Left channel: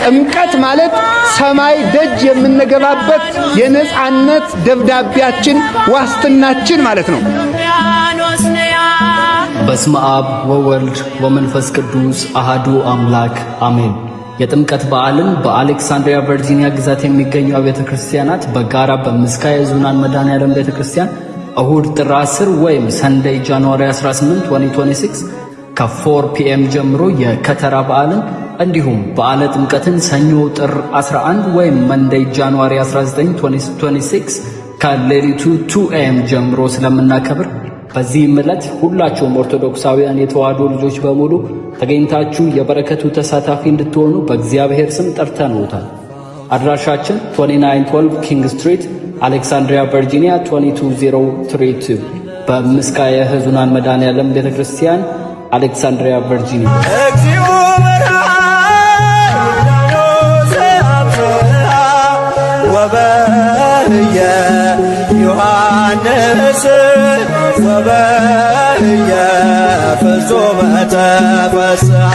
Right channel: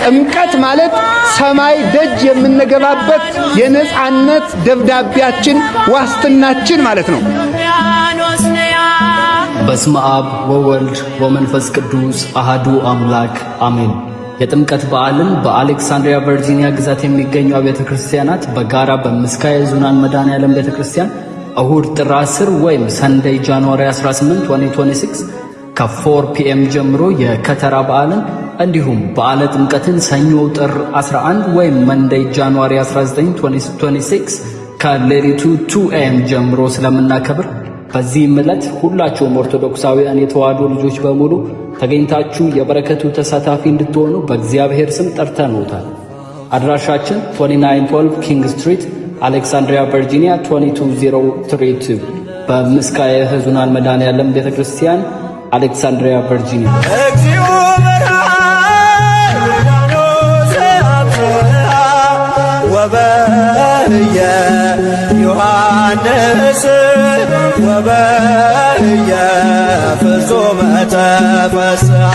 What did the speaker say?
ጥምቀት ማለት ሰማይ ደጅ የምንገባበት የነጻነት ደብዳቤያችን ዋስትናችን ማለት ነው። በስመ አብ ወወልድ ወመንፈስ ቅዱስ አሐዱ አምላክ አሜን። የጥምቀት በዓልን በአሌክሳንድሪያ ቨርጂኒያ ግዛት የሚገኙ አብያተ ክርስቲያናት በጋራ በምስካየ ኅዙናን መድኃኔዓለም ቤተክርስቲያን እሁድ ጥር 10 ወይም ሰንደይ ጃንዋሪ 18 2026 ከ4 ፒኤም ጀምሮ የከተራ በዓል እንዲሁም በዓለ ጥምቀትን ሰኞ ጥር 11 ወይም መንደይ ጃንዋሪ 19 2026 ከሌሊቱ 2 AM ጀምሮ ስለምናከብር በዚህ ዕለት ሁላችሁም ኦርቶዶክሳውያን የተዋሕዶ ልጆች በሙሉ ተገኝታችሁ የበረከቱ ተሳታፊ እንድትሆኑ በእግዚአብሔር ስም ጠርተንዎታል። አድራሻችን 2912 ኪንግ ስትሪት አሌክሳንድሪያ ቨርጂኒያ 22032 በምስካየ ኅዙናን መድኃኔዓለም ቤተክርስቲያን አሌክሳንድሪያ ቨርጂኒያ። እግዚኦ ወበየ ዮሐንስ ወበየ ፍጹመ ተፈሥሐ